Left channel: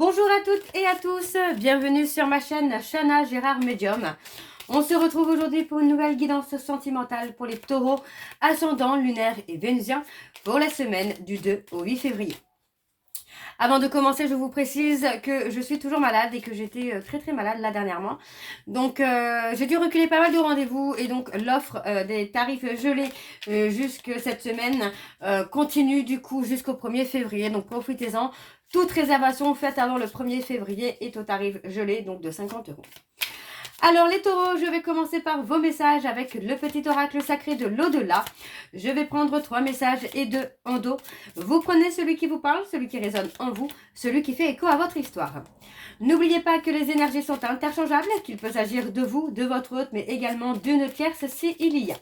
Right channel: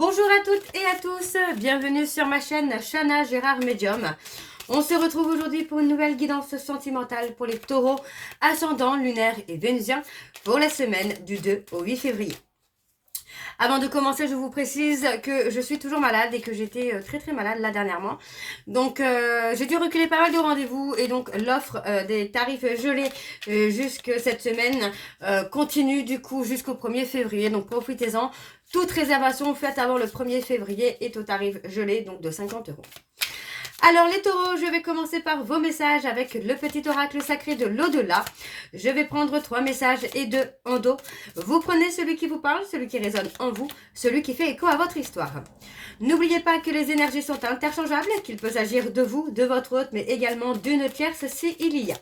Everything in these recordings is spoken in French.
Bonjour à toutes et à tous, bienvenue sur ma chaîne Chana Gérard Médium. On se retrouve aujourd'hui pour une nouvelle guidance sentimentale pour les taureaux, ascendants, lunaires et vénusiens pour la semaine du 2 au 8 février. Avant de commencer, je vous précise que je suis toujours malade et que j'étais très malade là dernièrement. Donc j'ai dû reculer pas mal de rendez-vous et donc l'offre des tarifs gelés jusque cette semaine continue du coup jusqu'au 1er février. Donc profitez-en. Toute réservation faite avant le 1er février est au tarif gelé, donc de 50 €. Alors les taureaux, je vais commencer par vos messages avec le petit oracle sacré de l'au-delà. Je vais prendre 3 messages et 2 en dos. Vous prenez celui qui vous parle, celui qui résonne en vous, celui qui fait écho à votre histoire. N'oubliez pas que les énergies sont interchangeables, qu'il peut s'agir de vous, de votre hôte, mais également d'une tierce s'il y a.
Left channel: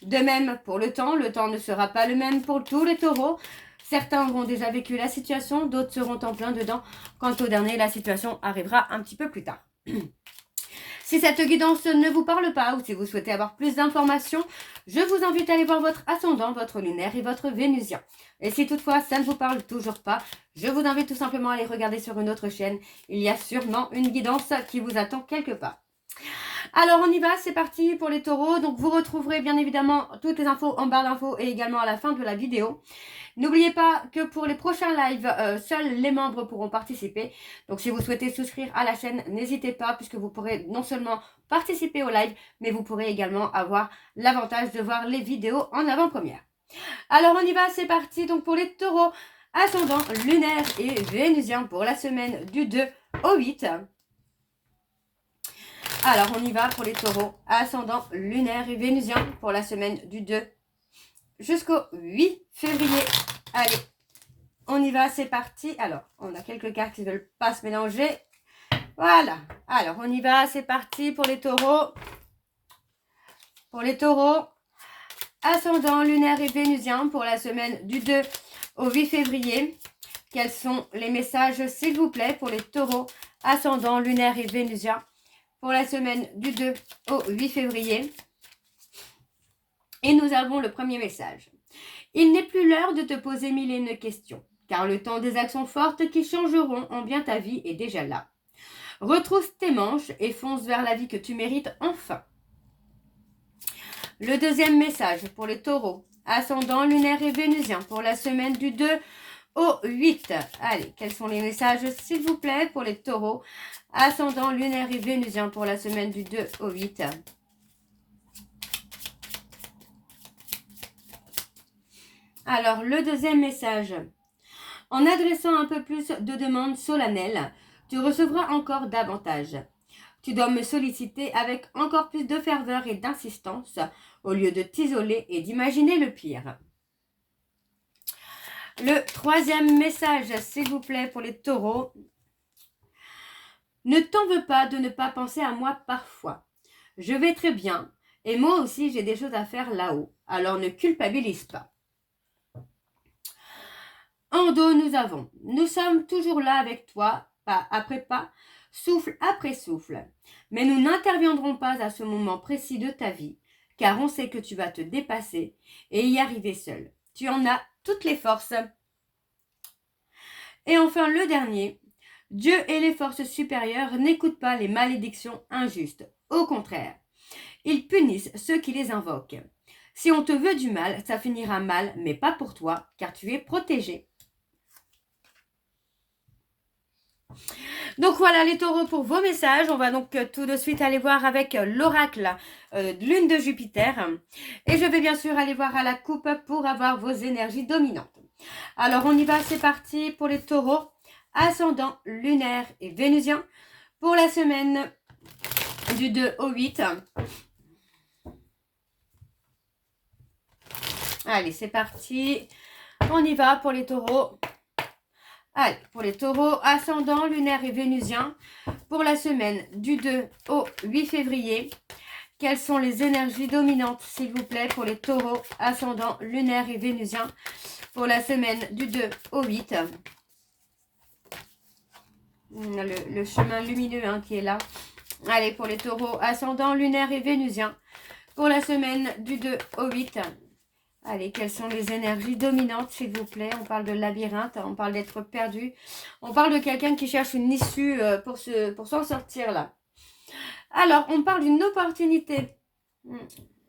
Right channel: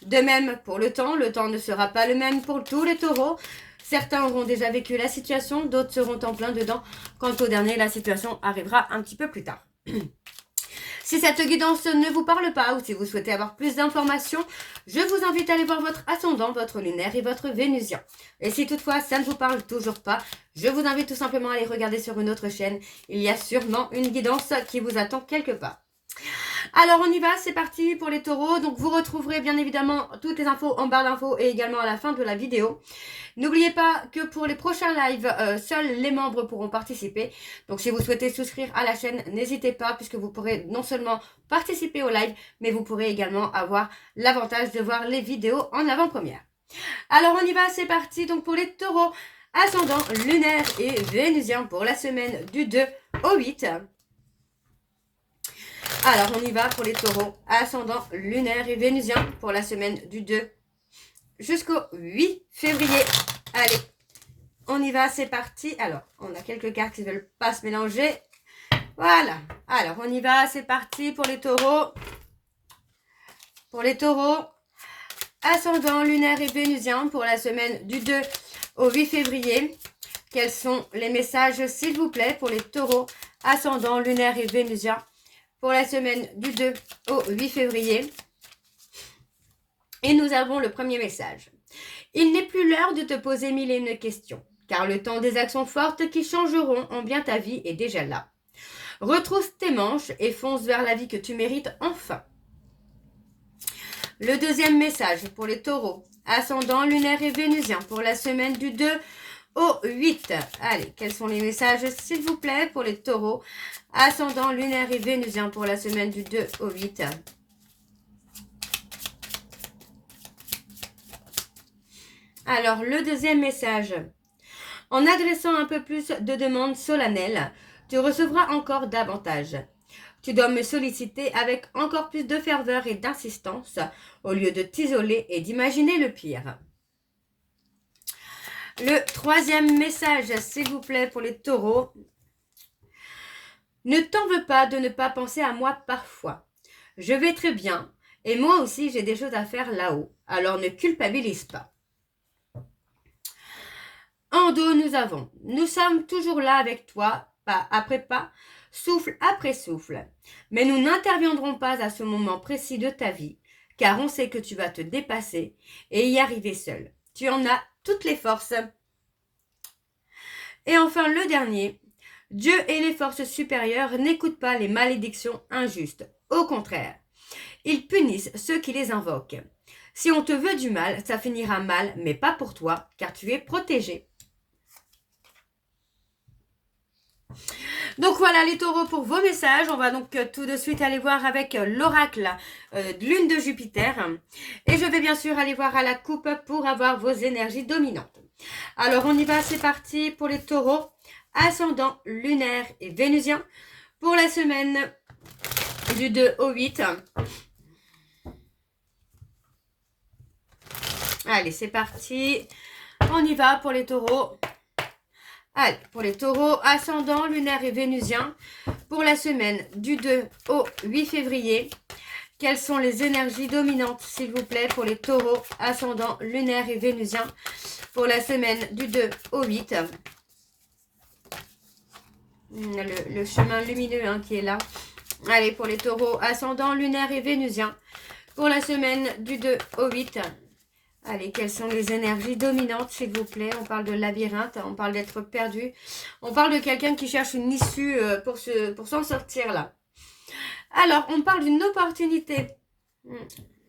De même pour le temps ne sera pas le même pour tous les taureaux. Certains auront déjà vécu la situation, d'autres seront en plein dedans. Quant au dernier, la situation arrivera un petit peu plus tard. Si cette guidance ne vous parle pas ou si vous souhaitez avoir plus d'informations, je vous invite à aller voir votre ascendant, votre lunaire et votre vénusien. Et si toutefois ça ne vous parle toujours pas, je vous invite tout simplement à aller regarder sur une autre chaîne. Il y a sûrement une guidance qui vous attend quelque part. Alors on y va, c'est parti pour les taureaux. Donc vous retrouverez bien évidemment toutes les infos en barre d'infos et également à la fin de la vidéo. N'oubliez pas que pour les prochains lives, seuls les membres pourront participer. Donc si vous souhaitez souscrire à la chaîne, n'hésitez pas puisque vous pourrez non seulement participer au live, mais vous pourrez également avoir l'avantage de voir les vidéos en avant-première. Alors on y va, c'est parti. Donc pour les taureaux, ascendant, lunaire et vénusien pour la semaine du 2 au 8. Alors, on y va pour les taureaux, ascendant, lunaire et vénusien pour la semaine du 2 jusqu'au 8 février. Allez, on y va, c'est parti. Alors, on a quelques cartes qui ne veulent pas se mélanger. Voilà. Alors, on y va, c'est parti pour les taureaux. Pour les taureaux, ascendant, lunaire et vénusien pour la semaine du 2 au 8 février. Quels sont les messages, s'il vous plaît, pour les taureaux, ascendant, lunaire et vénusien pour la semaine du 2 au 8 février. Et nous avons le premier message. Il n'est plus l'heure de te poser mille et une questions, car le temps des actions fortes qui changeront en bien ta vie est déjà là. Retrousse tes manches et fonce vers la vie que tu mérites enfin. Le deuxième message pour les taureaux, ascendant, lunaire et vénusien pour la semaine du 2 au 8. Allez, quels sont les messages, s'il vous plaît, pour les taureaux, ascendant, lunaire et vénusien pour la semaine du 2 au 8. Alors, le deuxième message. En adressant un peu plus de demandes solennelles, tu recevras encore davantage. Tu dois me solliciter avec encore plus de ferveur et d'insistance, au lieu de t'isoler et d'imaginer le pire. Le troisième message, s'il vous plaît, pour les taureaux. Ne t'en veux pas de ne pas penser à moi parfois. Je vais très bien et moi aussi j'ai des choses à faire là-haut, alors ne culpabilise pas. En dos, nous sommes toujours là avec toi, pas après pas, souffle après souffle. Mais nous n'interviendrons pas à ce moment précis de ta vie, car on sait que tu vas te dépasser et y arriver seul. Tu en as toutes les forces. Et enfin, le dernier. Dieu et les forces supérieures n'écoutent pas les malédictions injustes. Au contraire, ils punissent ceux qui les invoquent. Si on te veut du mal, ça finira mal, mais pas pour toi, car tu es protégé. Donc voilà les taureaux pour vos messages. On va donc tout de suite aller voir avec l'oracle lune de Jupiter. Et je vais bien sûr aller voir à la coupe pour avoir vos énergies dominantes. Alors on y va, c'est parti pour les taureaux, ascendant, lunaire et vénusien pour la semaine du 2 au 8. Allez, c'est parti. On y va pour les taureaux. Allez, pour les taureaux, ascendant, lunaire et vénusien, pour la semaine du 2 au 8 février, quelles sont les énergies dominantes, s'il vous plaît, pour les taureaux, ascendant, lunaire et vénusien, pour la semaine du 2 au 8. Le chemin lumineux qui est là. Allez, pour les taureaux, ascendant, lunaire et vénusien, pour la semaine du 2 au 8. Allez, quelles sont les énergies dominantes, s'il vous plaît? On parle de labyrinthe, on parle d'être perdu. On parle de quelqu'un qui cherche une issue pour s'en sortir, là. Alors, on parle d'une opportunité.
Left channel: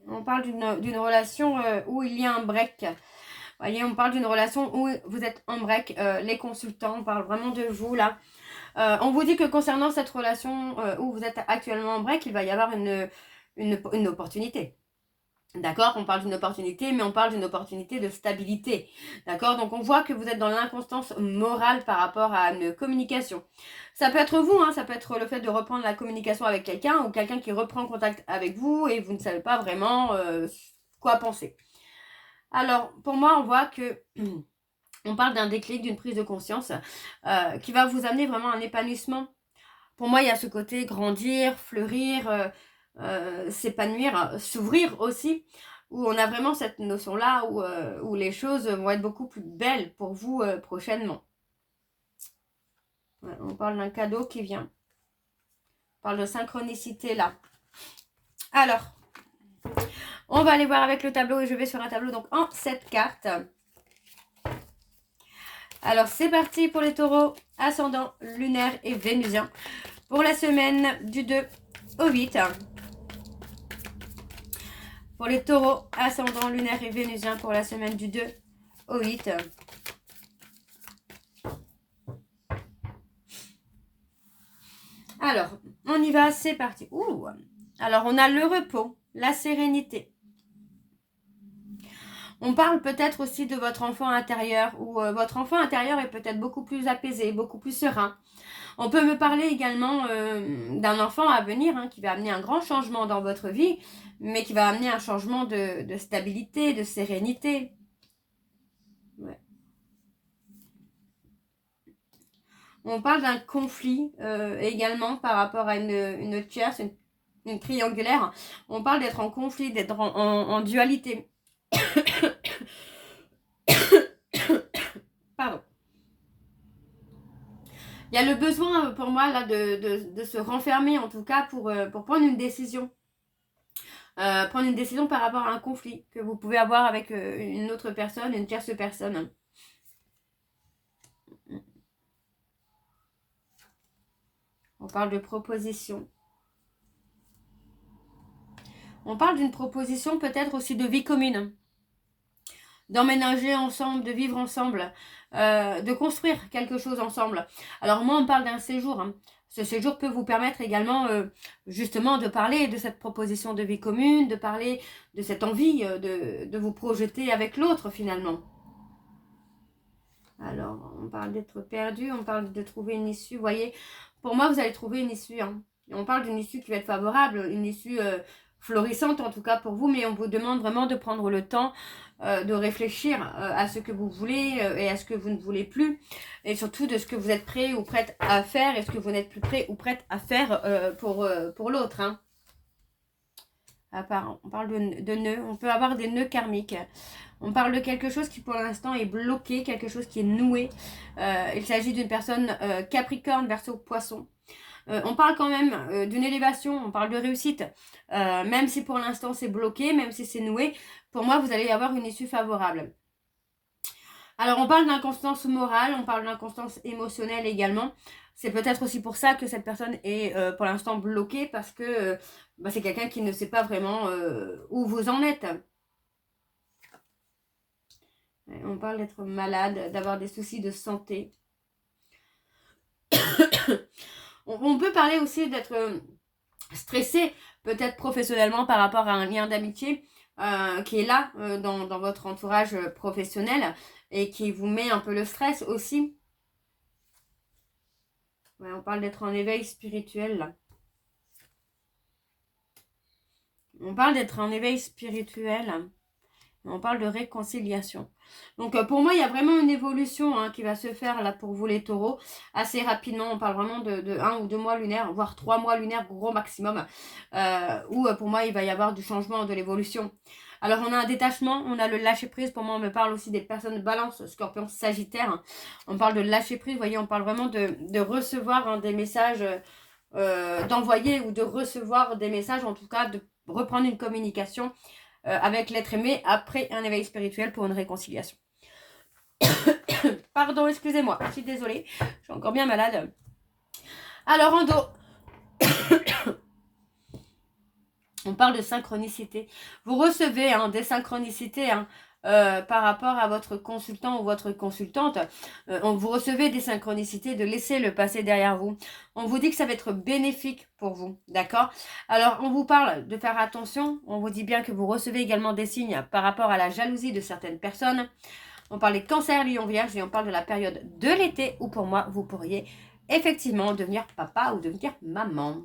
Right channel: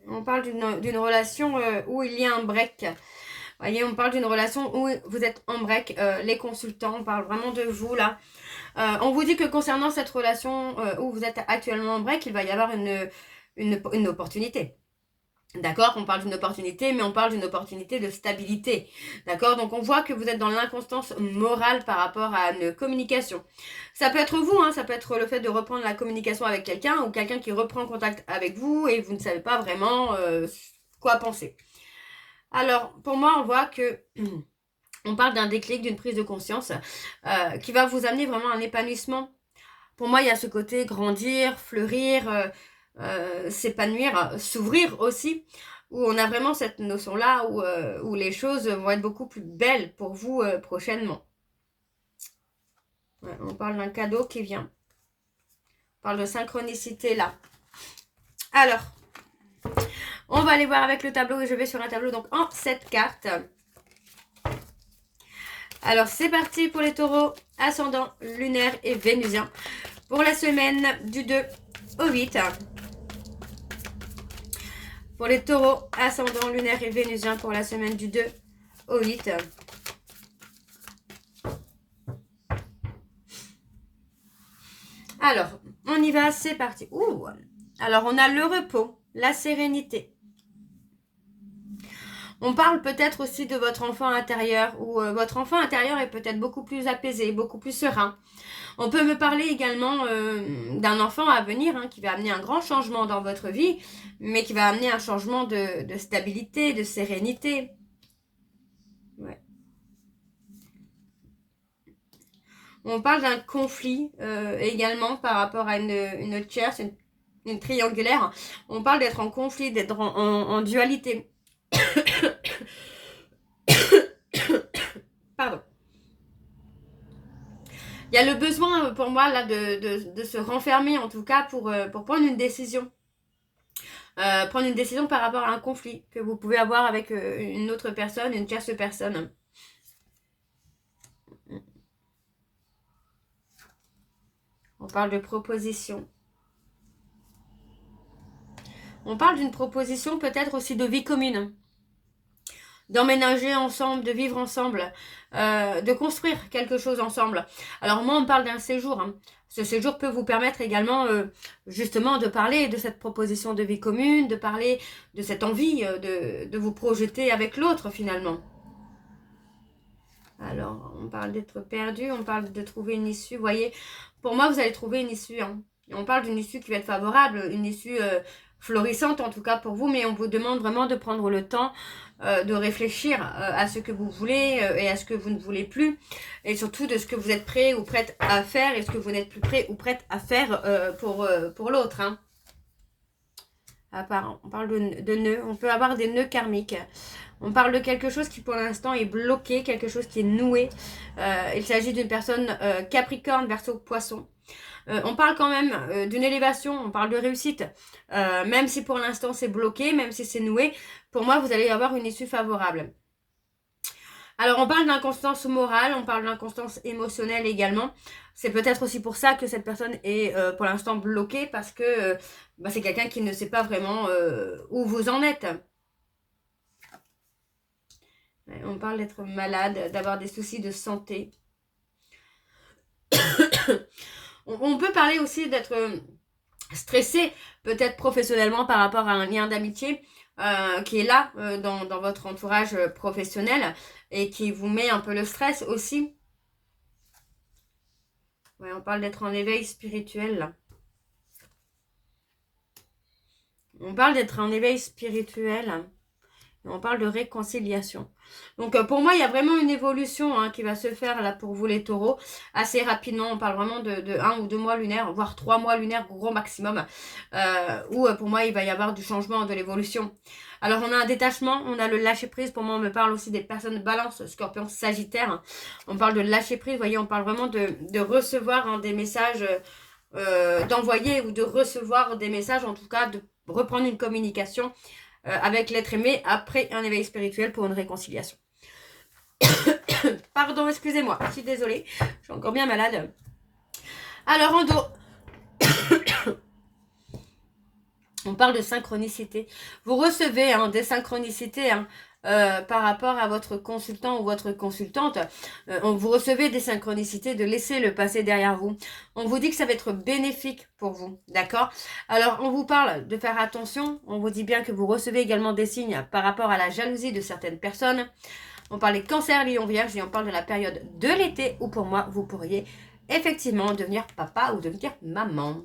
On parle d'une relation où il y a un break. Vous voyez, on parle d'une relation où vous êtes en break. Les consultants, on parle vraiment de vous, là. On vous dit que concernant cette relation où vous êtes actuellement en break, il va y avoir une opportunité. D'accord, on parle d'une opportunité, mais on parle d'une opportunité de stabilité. D'accord, donc on voit que vous êtes dans l'inconstance morale par rapport à une communication. Ça peut être vous, hein, ça peut être le fait de reprendre la communication avec quelqu'un ou quelqu'un qui reprend contact avec vous et vous ne savez pas vraiment quoi penser. Alors, pour moi, on voit que on parle d'un déclic, d'une prise de conscience qui va vous amener vraiment un épanouissement. Pour moi, il y a ce côté grandir, fleurir, s'épanouir, s'ouvrir aussi, où on a vraiment cette notion-là où les choses vont être beaucoup plus belles pour vous prochainement. Ouais, on parle d'un cadeau qui vient. On parle de synchronicité là. Alors, on va aller voir avec le tableau et je vais sur un tableau donc en 7 cartes. Alors, c'est parti pour les taureaux, ascendant, lunaire et vénusien. Pour la semaine du 2 au 8. Pour les taureaux, ascendant, lunaire et vénusien pour la semaine du 2 au 8. Alors, on y va, c'est parti. Ouh. Alors, on a le repos, la sérénité. On parle peut-être aussi de votre enfant intérieur, où votre enfant intérieur est peut-être beaucoup plus apaisé, beaucoup plus serein. On peut me parler également d'un enfant à venir hein, qui va amener un grand changement dans votre vie, mais qui va amener un changement de stabilité, de sérénité. Ouais. On parle d'un conflit également par rapport à une tierce, une triangulaire. On parle d'être en conflit, d'être en dualité. Pardon. Il y a le besoin pour moi là de se renfermer en tout cas pour prendre une décision. Prendre une décision par rapport à un conflit que vous pouvez avoir avec une autre personne, une tierce personne. On parle de proposition. On parle d'une proposition peut-être aussi de vie commune. D'emménager ensemble, de vivre ensemble, de construire quelque chose ensemble. Alors moi, on parle d'un séjour. Hein. Ce séjour peut vous permettre également justement de parler de cette proposition de vie commune, de parler de cette envie de vous projeter avec l'autre finalement. Alors, on parle d'être perdu, on parle de trouver une issue. Vous voyez, pour moi, vous allez trouver une issue. Hein. On parle d'une issue qui va être favorable, une issue florissante en tout cas pour vous, mais on vous demande vraiment de prendre le temps de réfléchir à ce que vous voulez et à ce que vous ne voulez plus, et surtout de ce que vous êtes prêt ou prête à faire et ce que vous n'êtes plus prêt ou prête à faire pour l'autre. Hein. On parle de nœuds, on peut avoir des nœuds karmiques. On parle de quelque chose qui pour l'instant est bloqué, quelque chose qui est noué. Il s'agit d'une personne Capricorne, Verseau, Poisson. On parle quand même d'une élévation, on parle de réussite. Même si pour l'instant c'est bloqué, même si c'est noué, pour moi vous allez avoir une issue favorable. Alors on parle d'inconstance morale, on parle d'inconstance émotionnelle également. C'est peut-être aussi pour ça que cette personne est pour l'instant bloquée, parce que c'est quelqu'un qui ne sait pas vraiment où vous en êtes. On parle d'être malade, d'avoir des soucis de santé. On peut parler aussi d'être stressé, peut-être professionnellement par rapport à un lien d'amitié qui est là dans votre entourage professionnel et qui vous met un peu le stress aussi. Ouais, on parle d'être en éveil spirituel là. On parle d'être en éveil spirituel. On parle de réconciliation. Donc pour moi, il y a vraiment une évolution hein, qui va se faire là pour vous les taureaux. Assez rapidement, on parle vraiment de 1 ou 2 mois lunaires, voire 3 mois lunaires, gros maximum. Où pour moi, il va y avoir du changement, de l'évolution. Alors on a un détachement, on a le lâcher prise. Pour moi, on me parle aussi des personnes balance, scorpion, sagittaire. On parle de lâcher prise, vous voyez, on parle vraiment de recevoir hein, des messages, d'envoyer ou de recevoir des messages, en tout cas de reprendre une communication avec l'être aimé après un éveil spirituel pour une réconciliation. Pardon, excusez-moi, je suis désolée, je suis encore bien malade. Alors en dos, on parle de synchronicité. Vous recevez des synchronicités par rapport à votre consultant ou votre consultante. Vous recevez des synchronicités de laisser le passé derrière vous. On vous dit que ça va être bénéfique pour vous, d'accord? Alors, on vous parle de faire attention. On vous dit bien que vous recevez également des signes par rapport à la jalousie de certaines personnes. On parle des cancers, lions, vierges et on parle de la période de l'été où pour moi, vous pourriez effectivement devenir papa ou devenir maman.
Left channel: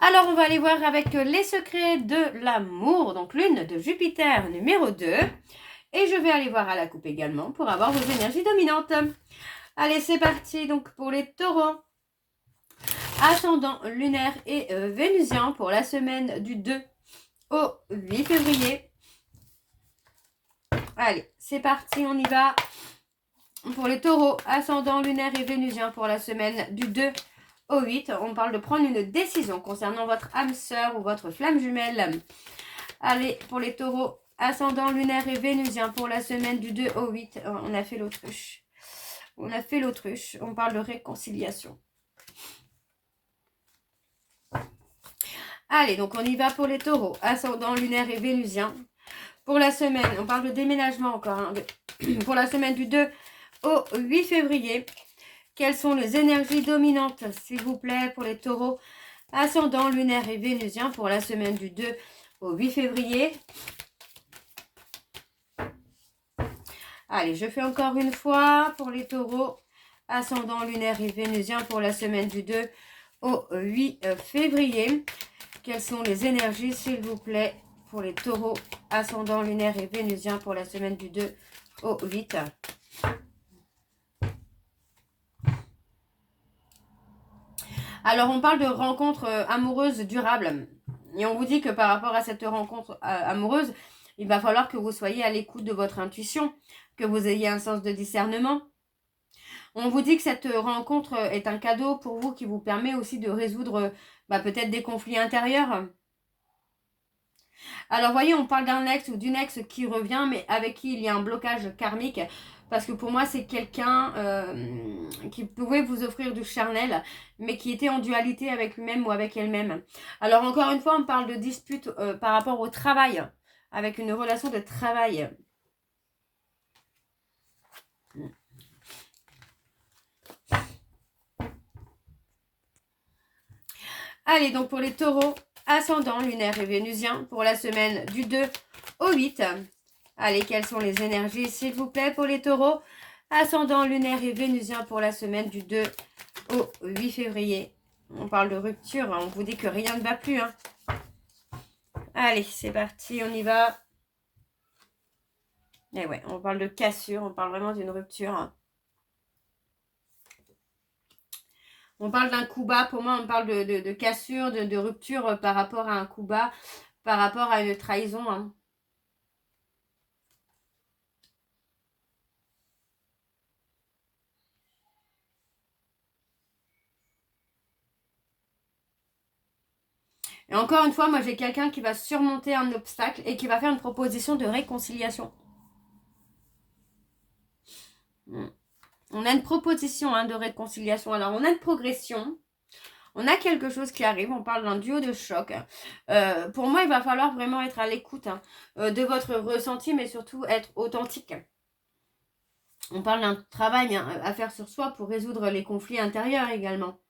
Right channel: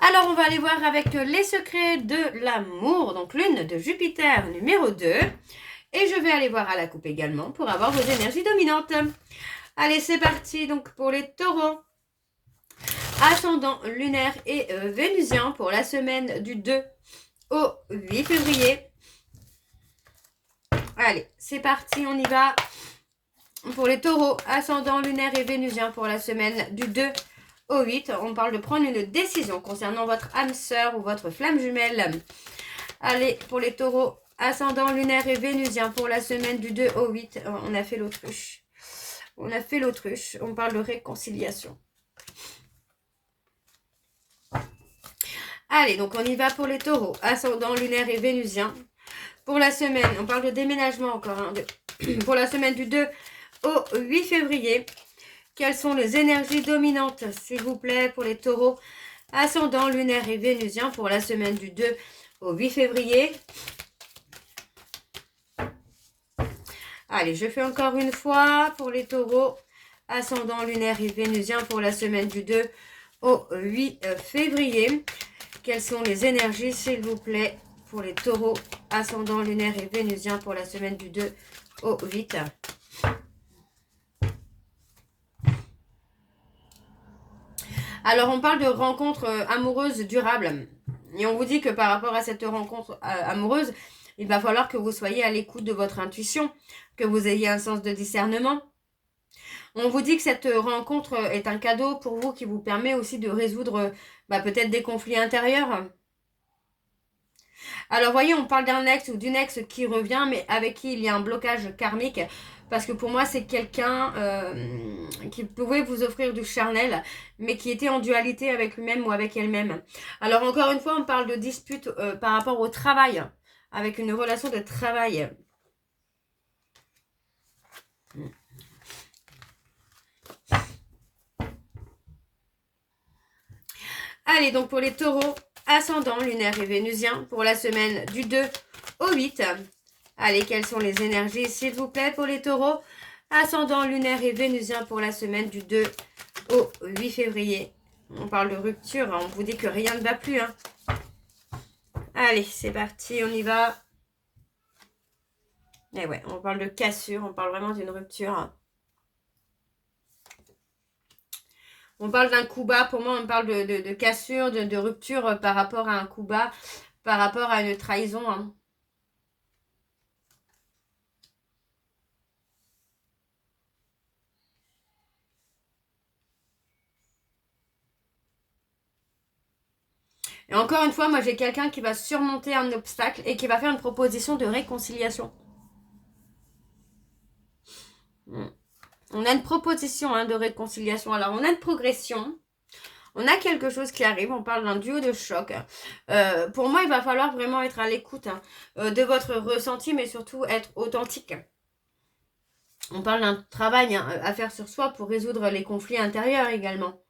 Alors, on va aller voir avec les secrets de l'amour, donc lune de Jupiter numéro 2. Et je vais aller voir à la coupe également pour avoir vos énergies dominantes. Allez, c'est parti donc pour les taureaux. Ascendant lunaire et vénusien pour la semaine du 2 au 8 février. Allez, c'est parti, on y va. Pour les taureaux, ascendant lunaire et vénusien pour la semaine du 2 au 8, on parle de prendre une décision concernant votre âme sœur ou votre flamme jumelle. Allez, pour les taureaux, ascendant lunaire et vénusien pour la semaine du 2 au 8, on a fait l'autruche. On a fait l'autruche, on parle de réconciliation. Allez, donc on y va pour les taureaux, ascendant lunaire et vénusien. Pour la semaine, on parle de déménagement encore, pour la semaine du 2 au 8 février. Quelles sont les énergies dominantes, s'il vous plaît, pour les taureaux, ascendant lunaire et vénusien pour la semaine du 2 au 8 février. Allez, je fais encore une fois pour les taureaux, ascendant lunaire et vénusien pour la semaine du 2 au 8 février. Quelles sont les énergies, s'il vous plaît, pour les taureaux, ascendant lunaire et vénusien pour la semaine du 2 au 8. Alors, on parle de rencontres amoureuses durables. Et on vous dit que par rapport à cette rencontre amoureuse, il va falloir que vous soyez à l'écoute de votre intuition, que vous ayez un sens de discernement. On vous dit que cette rencontre est un cadeau pour vous qui vous permet aussi de résoudre peut-être des conflits intérieurs. Alors, voyez, on parle d'un ex ou d'une ex qui revient, mais avec qui il y a un blocage karmique. Parce que pour moi, c'est quelqu'un qui pouvait vous offrir du charnel, mais qui était en dualité avec lui-même ou avec elle-même. Alors, encore une fois, on parle de dispute par rapport au travail, avec une relation de travail. Allez, donc pour les taureaux, ascendant lunaire et vénusien, pour la semaine du 2 au 8. Allez, quelles sont les énergies, s'il vous plaît, pour les taureaux, ascendant lunaire et vénusien pour la semaine du 2 au 8 février. On parle de rupture, on vous dit que rien ne va plus. Allez, c'est parti, on y va. Et ouais, on parle de cassure, on parle vraiment d'une rupture. On parle d'un coup bas, pour moi on parle de cassure, de rupture par rapport à un coup bas, par rapport à une trahison. Et encore une fois, moi j'ai quelqu'un qui va surmonter un obstacle et qui va faire une proposition de réconciliation. On a une proposition de réconciliation. Alors on a une progression. On a quelque chose qui arrive, on parle d'un duo de choc. Pour moi, il va falloir vraiment être à l'écoute de votre ressenti, mais surtout être authentique. On parle d'un travail à faire sur soi pour résoudre les conflits intérieurs également.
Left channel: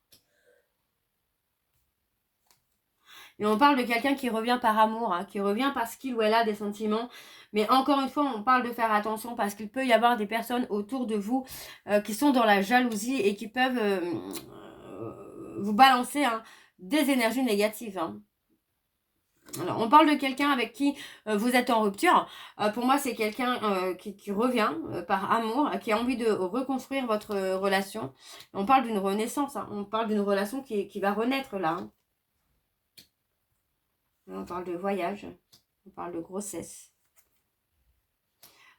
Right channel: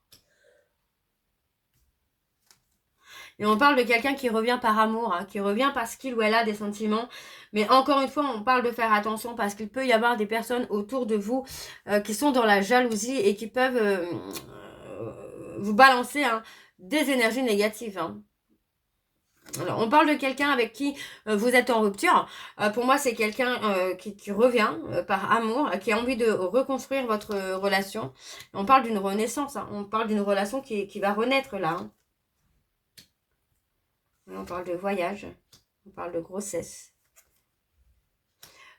Et on parle de quelqu'un qui revient par amour, qui revient parce qu'il ou elle a des sentiments. Mais encore une fois, on parle de faire attention parce qu'il peut y avoir des personnes autour de vous qui sont dans la jalousie et qui peuvent vous balancer des énergies négatives. Alors, on parle de quelqu'un avec qui vous êtes en rupture. Pour moi, c'est quelqu'un qui revient par amour, qui a envie de reconstruire votre relation. On parle d'une renaissance, on parle d'une relation qui va renaître là. On parle de voyage, on parle de grossesse.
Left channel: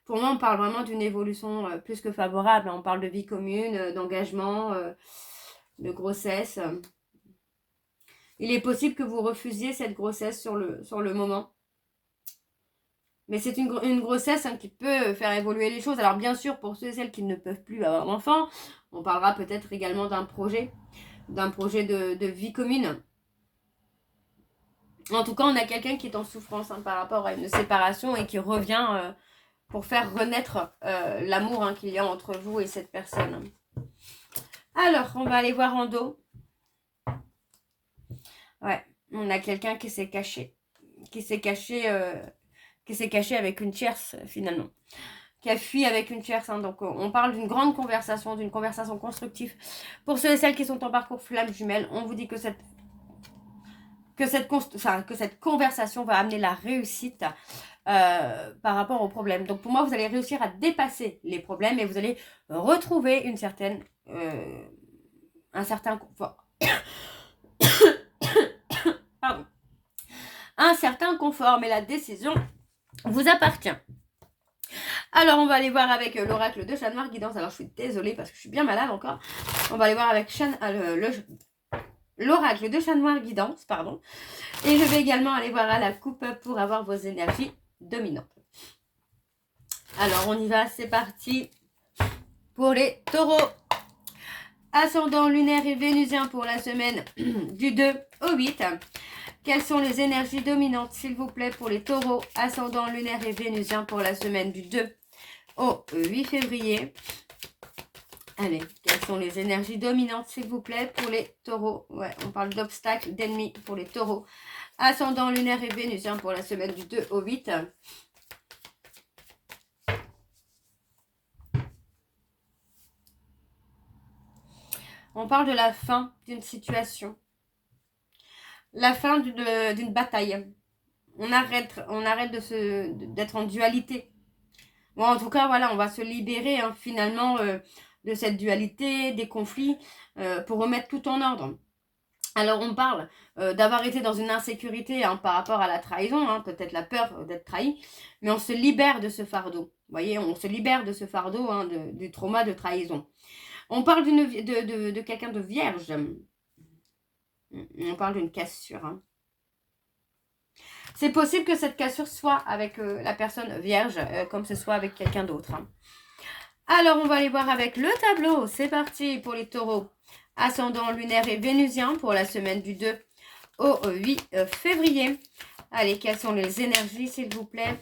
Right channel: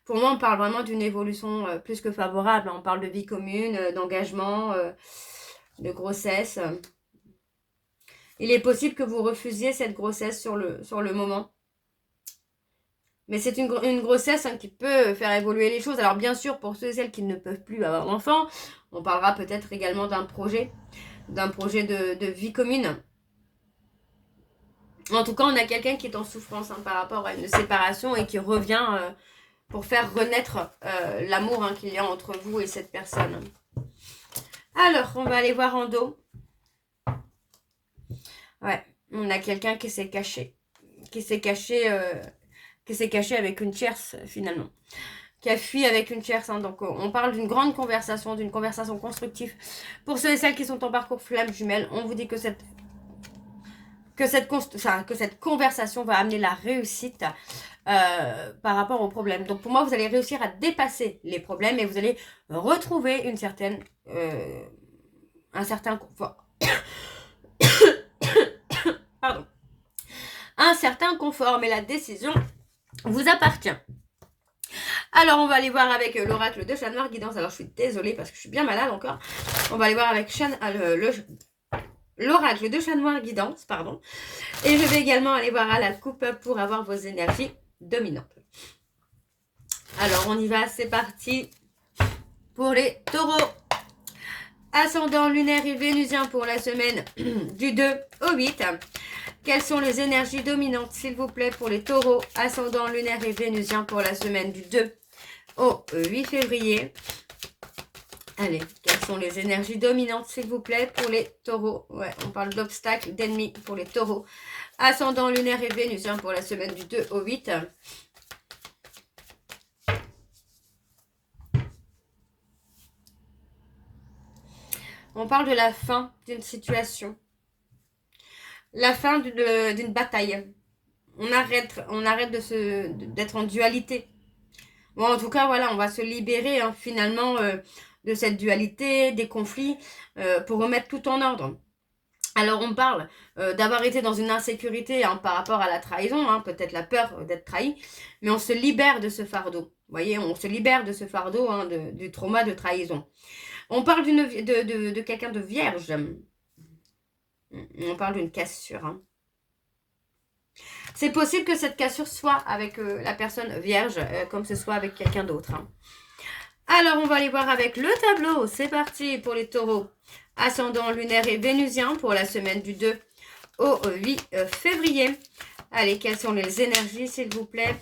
Pour moi, on parle vraiment d'une évolution plus que favorable. On parle de vie commune, d'engagement, de grossesse. Il est possible que vous refusiez cette grossesse sur le moment. Mais c'est une grossesse hein, qui peut faire évoluer les choses. Alors bien sûr, pour ceux et celles qui ne peuvent plus avoir d'enfants, on parlera peut-être également d'un projet de vie commune. En tout cas, on a quelqu'un qui est en souffrance hein, par rapport à une séparation et qui revient pour faire renaître l'amour hein, qu'il y a entre vous et cette personne. Alors, on va aller voir en dos. Ouais, on a quelqu'un qui s'est caché. Qui s'est caché avec une tierce finalement. Qui a fui avec une tierce. Hein. Donc, on parle d'une grande conversation, d'une conversation constructive. Pour ceux et celles qui sont en parcours flamme jumelle, on vous dit que cette conversation va amener la réussite par rapport aux problèmes. Donc pour moi, vous allez réussir à dépasser les problèmes et vous allez retrouver un certain confort. Pardon. Un certain confort, mais la décision vous appartient. Alors, on va aller voir avec l'oracle de Chat Noir Guidance. Alors, je suis désolée parce que je suis bien malade encore. On va aller voir avec l'oracle de Chat Noir Guidance, pardon. Et je vais également aller voir à la coupe pour avoir vos énergies dominantes. Alors, on y va, c'est parti pour les taureaux. Ascendant lunaire et vénusien pour la semaine du 2 au 8. Quelles sont les énergies dominantes, s'il vous plaît, pour les taureaux, ascendant lunaire et vénusien pour la semaine du 2 au 8 février. Allez, quelles sont les énergies dominantes, s'il vous plaît, pour les taureaux? Ouais, on parle d'obstacles, d'ennemis pour les taureaux. Ascendant lunaire et vénusien pour la semaine du 2 au 8. On parle de la fin d'une situation. La fin d'une bataille. On arrête d'être en dualité. Bon, en tout cas, voilà, on va se libérer hein, finalement de cette dualité, des conflits, pour remettre tout en ordre. Alors, on parle d'avoir été dans une insécurité hein, par rapport à la trahison, hein, peut-être la peur d'être trahi, mais on se libère de ce fardeau. Vous voyez, on se libère de ce fardeau hein, du trauma de trahison. On parle de quelqu'un de vierge. On parle d'une cassure. Hein. C'est possible que cette cassure soit avec la personne vierge, comme ce soit avec quelqu'un d'autre. Hein. Alors, on va aller voir avec le tableau. C'est parti pour les taureaux. Ascendant lunaire et vénusien pour la semaine du 2 au 8 février. Allez, quelles sont les énergies, s'il vous plaît,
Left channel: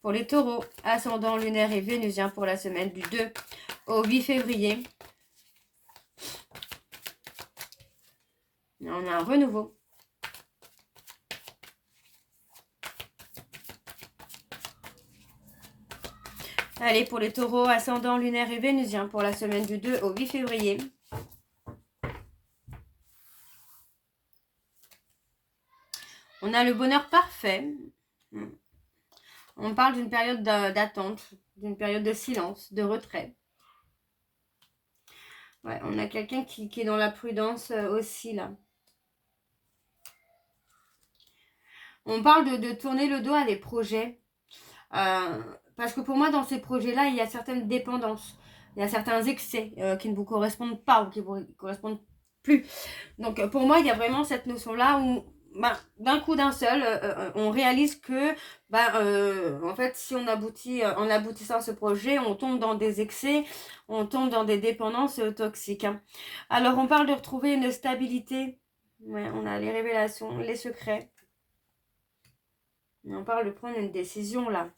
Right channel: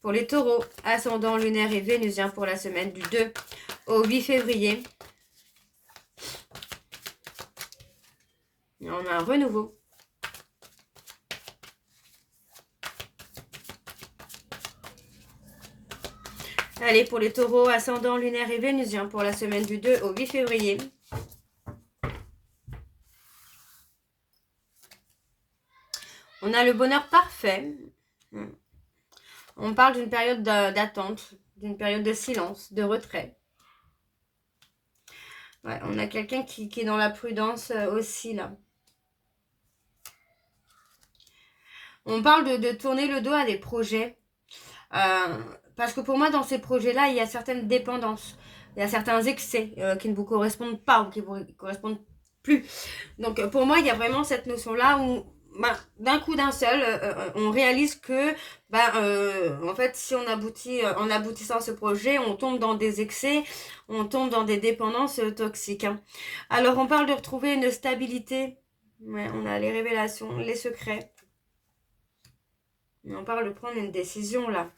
pour les taureaux. Ascendant lunaire et vénusien pour la semaine du 2 au 8 février. Et on a un renouveau. Allez, pour les taureaux, ascendant lunaire et vénusien pour la semaine du 2 au 8 février. On a le bonheur parfait. On parle d'une période d'attente, d'une période de silence, de retrait. Ouais, on a quelqu'un qui est dans la prudence aussi, là. On parle de tourner le dos à des projets. Parce que pour moi, dans ces projets-là, il y a certaines dépendances. Il y a certains excès qui ne vous correspondent pas ou qui ne vous correspondent plus. Donc, pour moi, il y a vraiment cette notion-là où, d'un coup d'un seul, on réalise que, en fait, si on aboutit, en aboutissant à ce projet, on tombe dans des excès, on tombe dans des dépendances toxiques. Hein. Alors, on parle de retrouver une stabilité. Ouais, on a les révélations, les secrets. On parle de prendre une décision, là.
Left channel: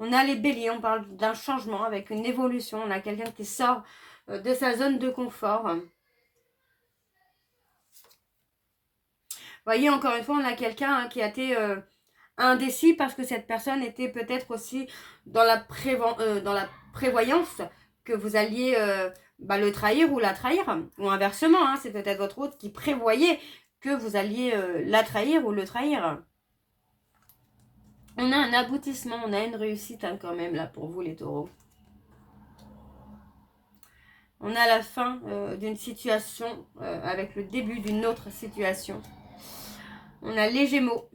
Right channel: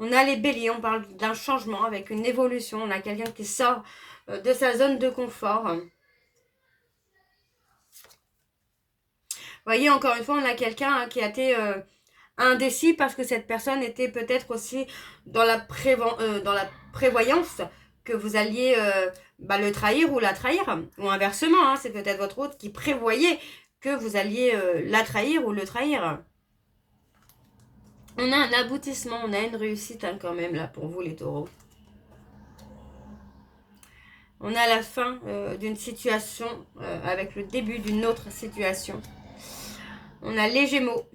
On a les béliers, on parle d'un changement avec une évolution. On a quelqu'un qui sort de sa zone de confort. Vous voyez, encore une fois, on a quelqu'un hein, qui a été indécis parce que cette personne était peut-être aussi dans la prévoyance que vous alliez le trahir ou la trahir. Ou inversement, hein, c'est peut-être votre autre qui prévoyait que vous alliez la trahir ou le trahir. On a un aboutissement, on a une réussite hein, quand même là pour vous les taureaux. On a la fin d'une situation avec le début d'une autre situation. On a les gémeaux.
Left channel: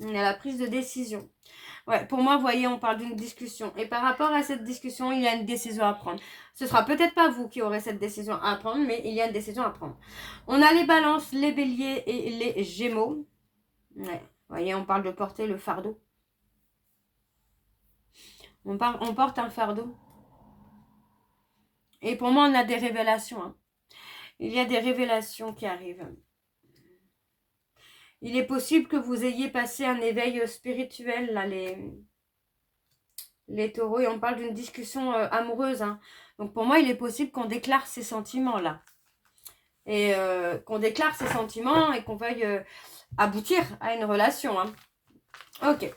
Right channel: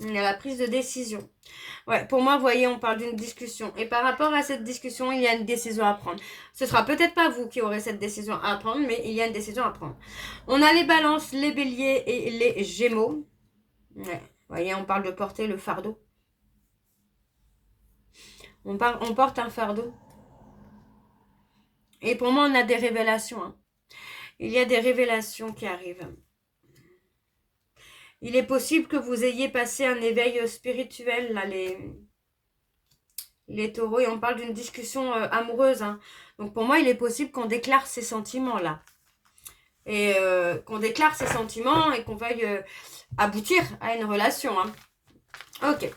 On a la prise de décision. Ouais, pour moi, vous voyez, on parle d'une discussion. Et par rapport à cette discussion, il y a une décision à prendre. Ce sera peut-être pas vous qui aurez cette décision à prendre, mais il y a une décision à prendre. On a les balances, les béliers et les gémeaux. Ouais. Vous voyez, on parle de porter le fardeau. On porte un fardeau. Et pour moi, on a des révélations. Hein. Il y a des révélations qui arrivent. Il est possible que vous ayez passé un éveil spirituel, là, les taureaux. Et on parle d'une discussion amoureuse. Hein. Donc pour moi, il est possible qu'on déclare ces sentiments-là. Et qu'on déclare ces sentiments et qu'on veuille aboutir à une relation. Hein. Ok.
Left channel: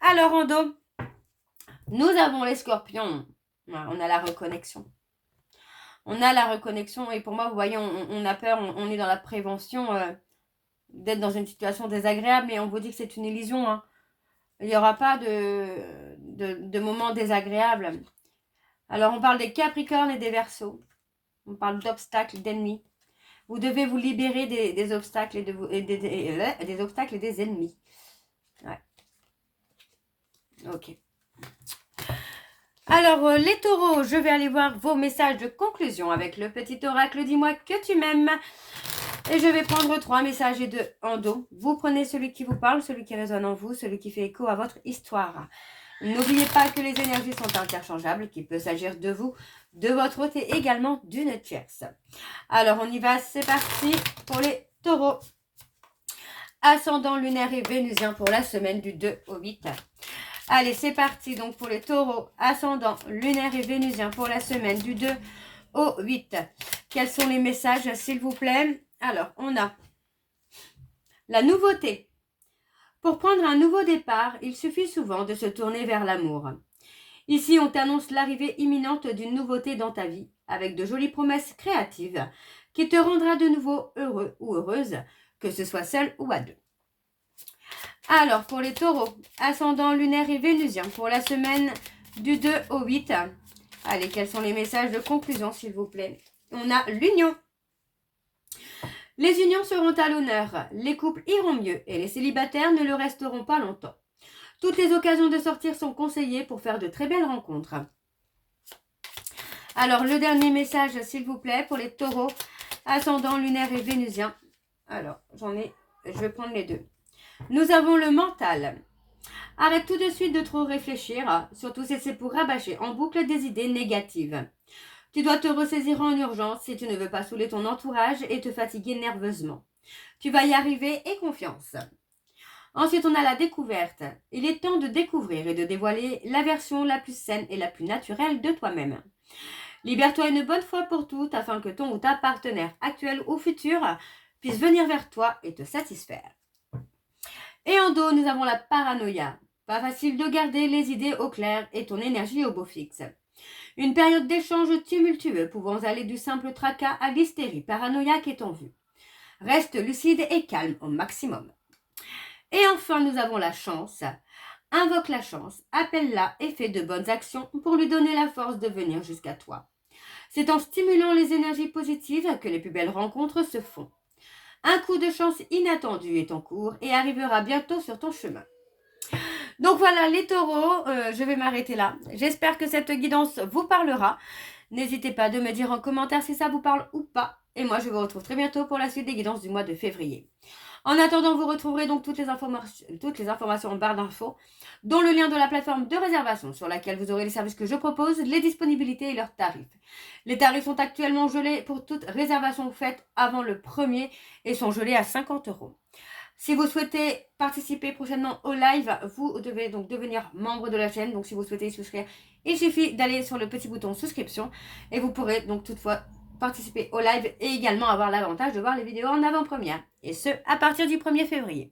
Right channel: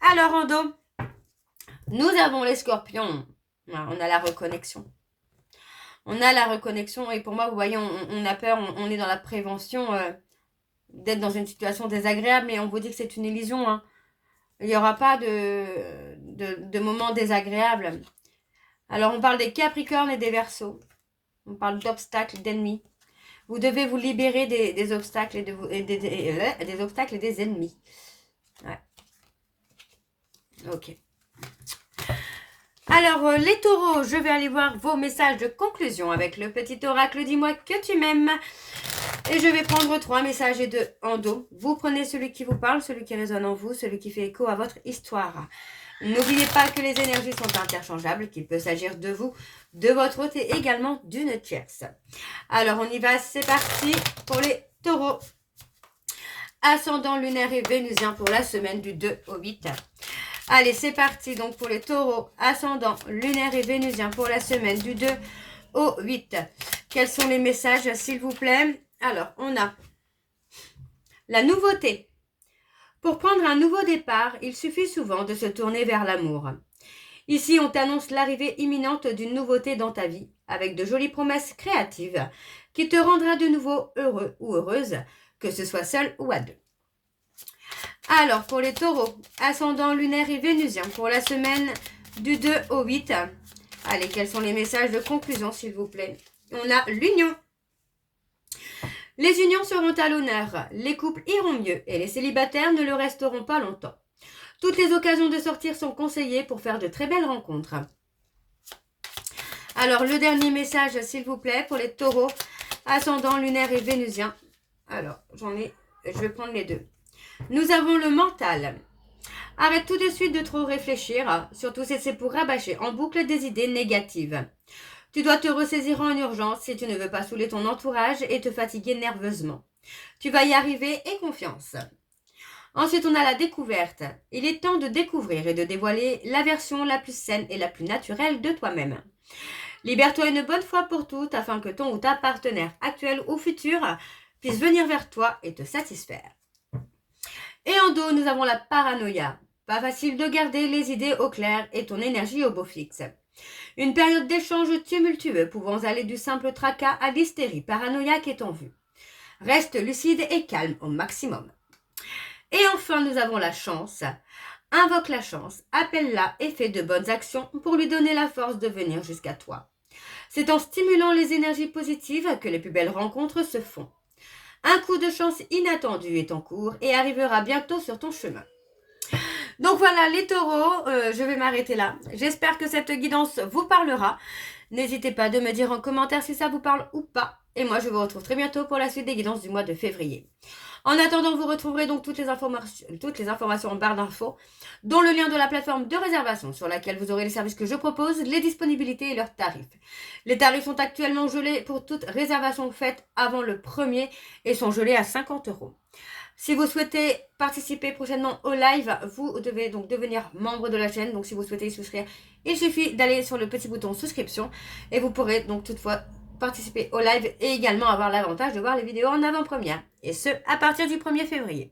Alors, en dos, nous avons les scorpions. On a la reconnexion. On a la reconnexion et pour moi, vous voyez, on a peur, on est dans la prévention d'être dans une situation désagréable et on vous dit que c'est une illusion. Hein. Il n'y aura pas de moments désagréables. Alors, on parle des Capricornes et des Verseaux. On parle d'obstacles, d'ennemis. Vous devez vous libérer des obstacles des obstacles et des ennemis. Ouais. Ok. Alors, les taureaux, je vais aller voir vos messages de conclusion avec le petit oracle. Dis-moi que tu m'aimes. Et je vais prendre 3 messages en dos. Vous prenez celui qui vous parle, celui qui résonne en vous, celui qui fait écho à votre histoire. N'oubliez pas que les énergies sont interchangeables, qu'il peut s'agir de vous, de votre hôte et également d'une tierce. Alors, on y va, c'est parti pour les taureaux. Ascendant lunaire et vénusien pour la semaine du 2 au 8. Allez, c'est parti donc pour les taureaux, ascendant lunaire et vénusien pour la semaine du 2 au 8. Quels sont les messages, s'il vous plaît? Alors, on a la nouveauté. Pour prendre un nouveau départ, il suffit souvent de se tourner vers l'amour. Ici, on t'annonce l'arrivée imminente d'une nouveauté dans ta vie, avec de jolies promesses créatives qui te rendra de nouveau heureux ou heureuse, que ce soit seul ou à deux. Alors, pour les taureaux, ascendant lunaire et vénusien, pour la semaine du 2 au 8. Allez, quels sont les messages de conclusion, s'il vous plaît? On a l'union. Les unions seront à l'honneur, les couples iront mieux et les célibataires ne le resteront pas longtemps. Toutes les occasions de sortir sont conseillées pour faire de très belles rencontres. Alors, le dernier message, s'il vous plaît, pour les taureaux, ascendant lunaire et vénusien. Alors, je vais prendre les deux. Nous avons le mental. Arrête tout de suite de trop réfléchir, surtout si c'est pour rabâcher en boucle des idées négatives. Tu dois te ressaisir en urgence si tu ne veux pas saouler ton entourage et te fatiguer nerveusement. Tu vas y arriver et confiance. Ensuite, on a la découverte. Il est temps de découvrir et de dévoiler la version la plus saine et la plus naturelle de toi-même. Libère-toi une bonne fois pour toutes afin que ton ou ta partenaire actuel ou futur puisse venir vers toi et te satisfaire. Et en dos, nous avons la paranoïa. Pas facile de garder les idées au clair et ton énergie au beau fixe. Une période d'échange tumultueux pouvant aller du simple tracas à l'hystérie paranoïaque est en vue. Reste lucide et calme au maximum. Et enfin, nous avons la chance. Invoque la chance, appelle-la et fais de bonnes actions pour lui donner la force de venir jusqu'à toi. C'est en stimulant les énergies positives que les plus belles rencontres se font. Un coup de chance inattendu est en cours et arrivera bientôt sur ton chemin. Donc voilà les taureaux, je vais m'arrêter là. J'espère que cette guidance vous parlera. N'hésitez pas de me dire en commentaire si ça vous parle ou pas. Et moi je vous retrouve très bientôt pour la suite des guidances du mois de février. En attendant, vous retrouverez donc toutes les informations en barre d'infos, dont le lien de la plateforme de réservation sur laquelle vous aurez les services que je propose, les disponibilités et leurs tarifs. Les tarifs sont actuellement gelés pour toute réservation faite avant le 1er et sont gelés à 50 €. Si vous souhaitez participer prochainement au live, vous devez donc devenir membre de la chaîne. Donc si vous souhaitez y souscrire, il suffit d'aller sur le petit bouton souscription et vous pourrez donc toutefois participer au live et également avoir l'avantage de voir les vidéos en avant-première. Et ce, à partir du 1er février.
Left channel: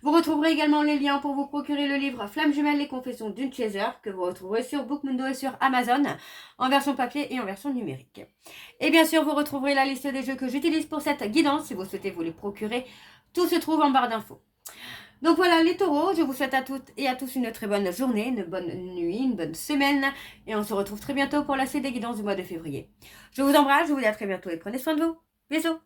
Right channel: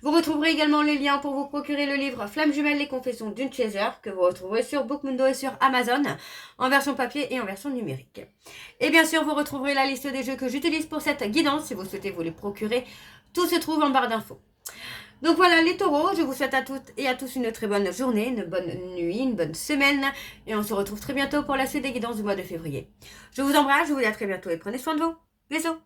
Vous retrouverez également les liens pour vous procurer le livre Flamme jumelle, les confessions d'une chaser, que vous retrouverez sur Bookmundo et sur Amazon, en version papier et en version numérique. Et bien sûr, vous retrouverez la liste des jeux que j'utilise pour cette guidance, si vous souhaitez vous les procurer. Tout se trouve en barre d'infos. Donc voilà les taureaux, je vous souhaite à toutes et à tous une très bonne journée, une bonne nuit, une bonne semaine. Et on se retrouve très bientôt pour la suite des guidances du mois de février. Je vous embrasse, je vous dis à très bientôt et prenez soin de vous. Bisous.